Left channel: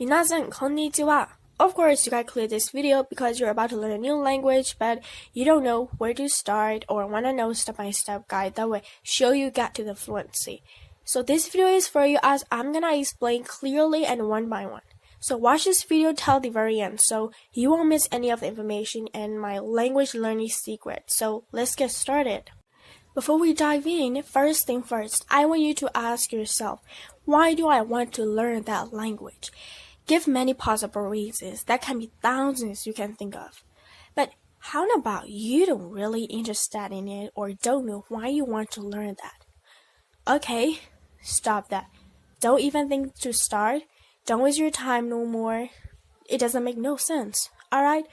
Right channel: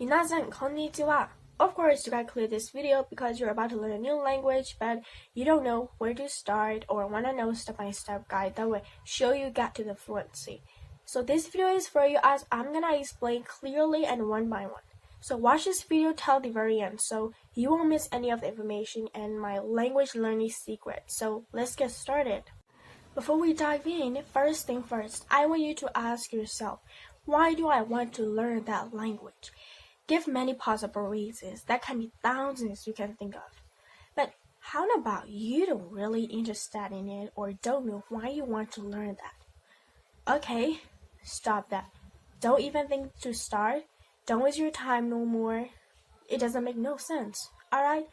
Minasan konnichiwa. Of course, you gotta click this video because you're about to learn a new language, but you don't know where to start or want to know step-by-step guide that will show you get to the fluency. So this video is for you as I'm gonna explain clearly and one by one. So watch this video till the very end so you won't miss any of the information and my language learning secret. So let's get started. Before we dive in, first thing first, I want you to ask yourself, why do I want to learn that language? Give many possible reasons. That can be thousands you can think of. But how about you don't really interested in it or don't know why you want to learn that? Okay, stop that. Don't even think to start. Don't waste your time no more. It doesn't make no sense. Alright?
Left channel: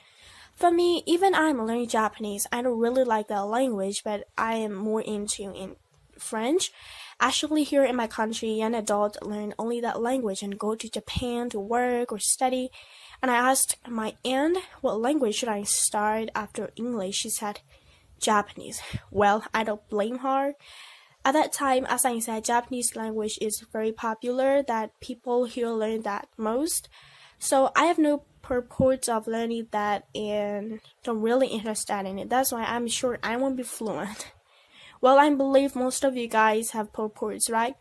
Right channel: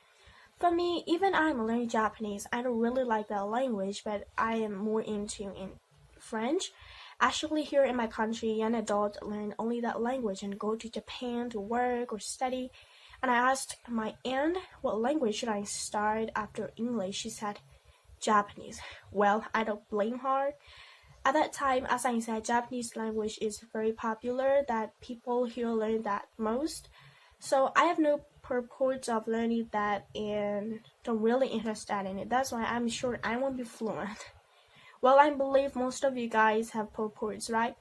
For me, even I'm learning Japanese, I don't really like that language, but I am more into in French. Actually, here in my country, young adults learn only that language and go to Japan to work or study. And I asked my aunt, what language should I start after English? She said, Japanese. Well, I don't blame her. At that time, as I said, Japanese language is very popular, that people here learn that most. So I have no purpose of learning that and don't really interested in it. That's why I'm sure I won't be fluent. Well, I believe most of you guys have purpose, right?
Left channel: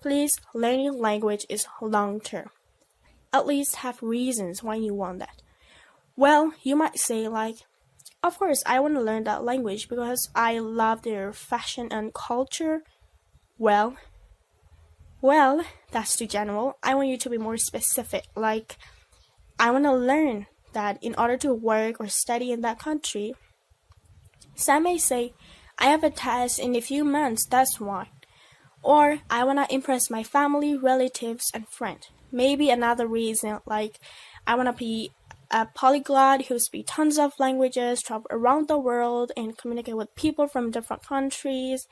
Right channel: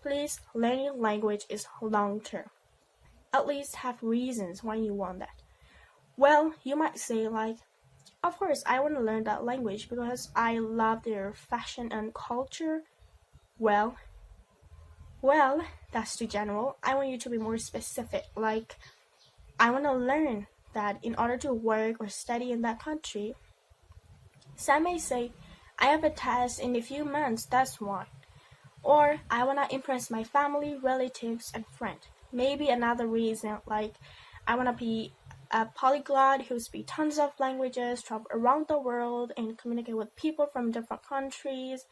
Please, learning language is long term. At least have reasons why you want that. Well, you might say like, of course, I want to learn that language because I love their fashion and culture. Well, that's too general. I want you to be more specific. Like, I want to learn that in order to work or study in that country. Some may say, I have a test in a few months, that's why. Or I want to impress my family, relatives, and friends. Maybe another reason, like I want to be a polyglot who speaks tons of languages, travel around the world, and communicate with people from different countries.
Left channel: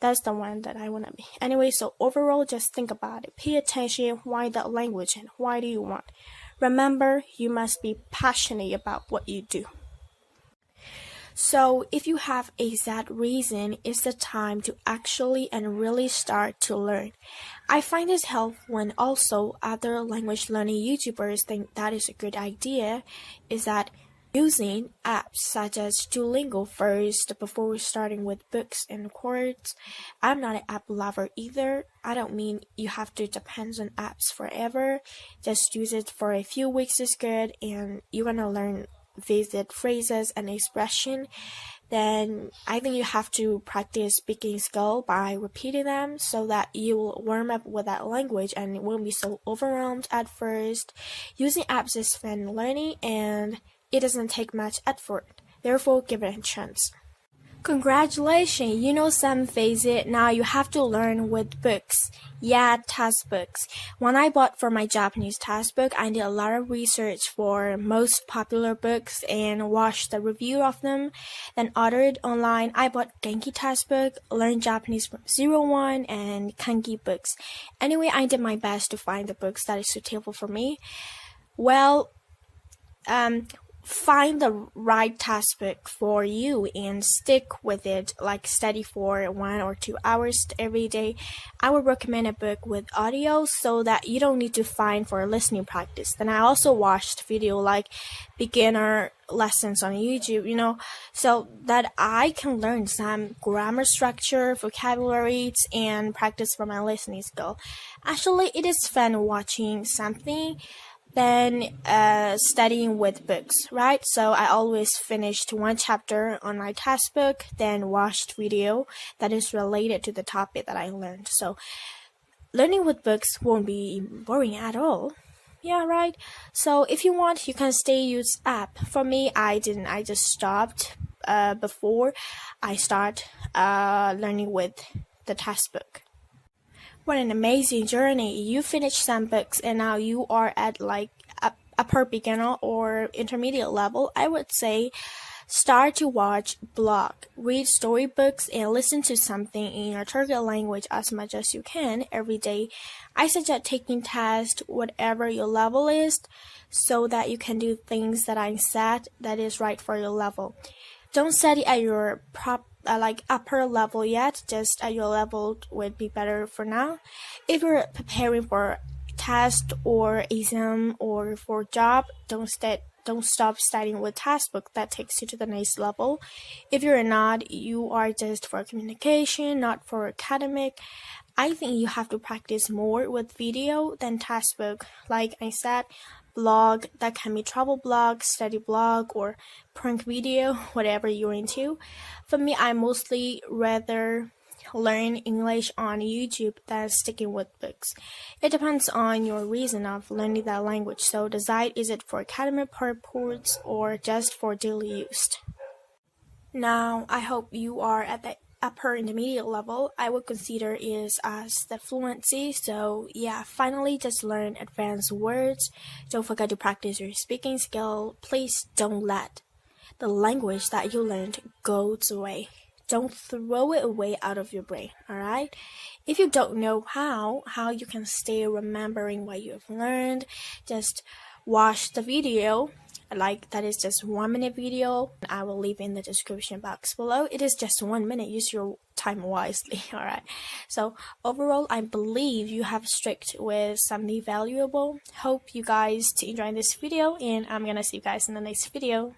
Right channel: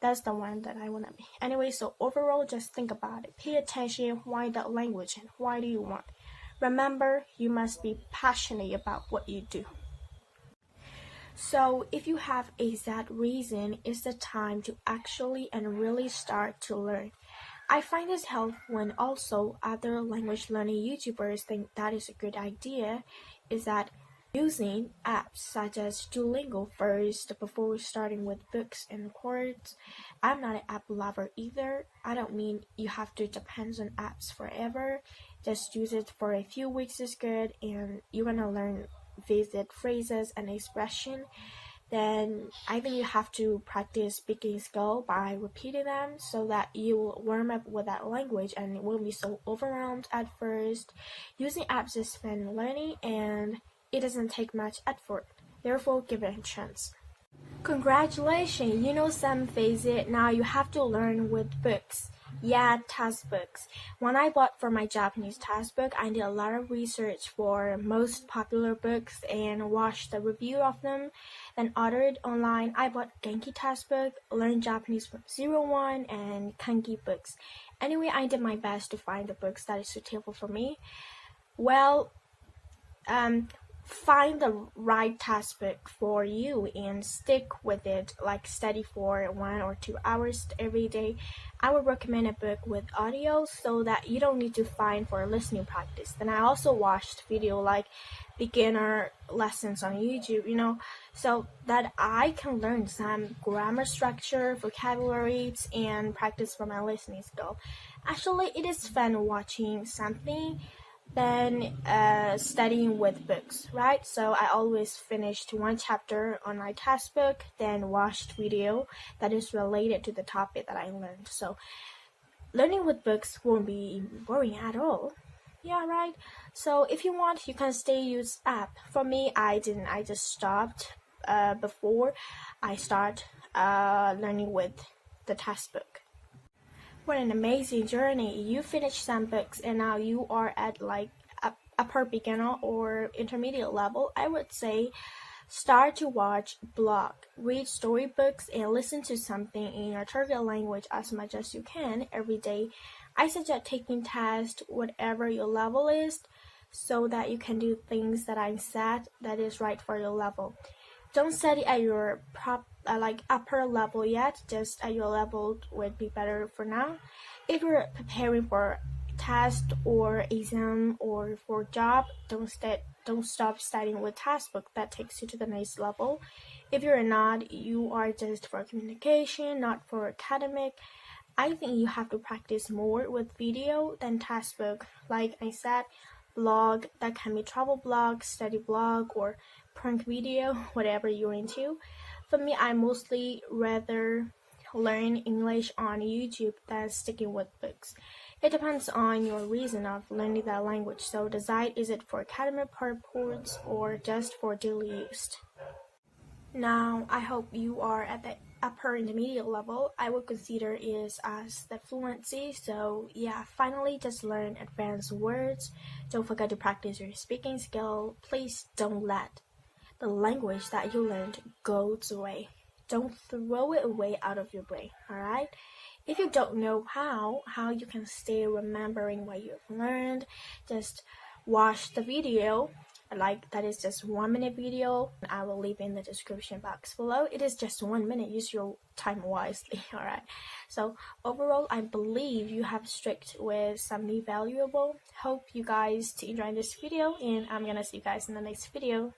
That's the one that I want to be. Anyway, so overall, just think about it. Pay attention, why that language and why do you want? Remember, you must be passionate about what you do. So if you have a exact reason, it's the time to actually and really start to learn. I find this helpful when also other language learning YouTubers think that is a good idea, is that using apps such as Duolingo first before starting with books and words. I'm not an app lover either. I don't mean you have to depend on apps forever. Just use it for a few weeks is good and you're gonna learn visit phrases and expression. Then I think you have to practice speaking skill by repeating them so that you will warm up with that language and it won't be so overwhelmed at first. Using apps is fun learning and it doesn't take much effort. Therefore, give it a chance. Congratulations, you know some phases. Now you have to learn with books. Yeah, textbooks. When I bought for my Japanese textbook, I did a lot of research for most popular books and watched the review of them. Then ordered online. I bought Genki textbook, learned Japanese from 01 and Kanki books. Anyway, I did my best to find the books that is suitable for me. Well, find the right textbook for you and stick with it, like study for 1 or 2 hours every day. I would recommend a book with audio so that you don't need to find for listening practice. Then I also watched video like beginner lessons on YouTube, so that I can learn some grammar structure, vocabularies, and practice for my listening skill. Actually, it is fun watching something than studying with books, right? So I always finished one chapter on my textbook, then watched video that is related to the topic that I learned. So learning with books won't be boring at all. Yeah, right? So if you want, you can stay use app. For me, I didn't. I just stopped before I start learning with the textbook. What an amazing journey. You finished some books and now you are at like upper beginner or intermediate level. I would say start to watch blog, read storybooks, and listen to something in your target language as much as you can every day. I suggest taking tests, whatever your level is, so that you can do things that I said that is right for your level. Don't study at your upper level yet, just at your level would be better for now. If you're preparing for test or exam or for job, don't stop studying with textbook. That takes you to the next level. If you're not, you are just for communication, not for academic. I think you have to practice more with video than textbook. Like I said, blog, that can be travel blog, study blog, or prank video, whatever you're into. For me, I mostly rather learn English on YouTube than sticking with books. It depends on your reason of learning that language. So decide, is it for academic purposes or just for daily use? Now, I hope you are at the upper intermediate level. I would consider is as the fluency. So yeah, finally just learn advanced words. Don't forget to practice your speaking skill. Please don't let the language that you learned goes away. Don't throw it away out of your brain, alright? If you don't know how you can stay remembering what you have learned, just watch the video. Like, that is just 1 minute video. I will leave in the description box below. It is just 1 minute. Use your time wisely, alright? So overall, I believe you have strict with something valuable. Hope you guys to enjoy this video, and I'm gonna see you guys in the next video.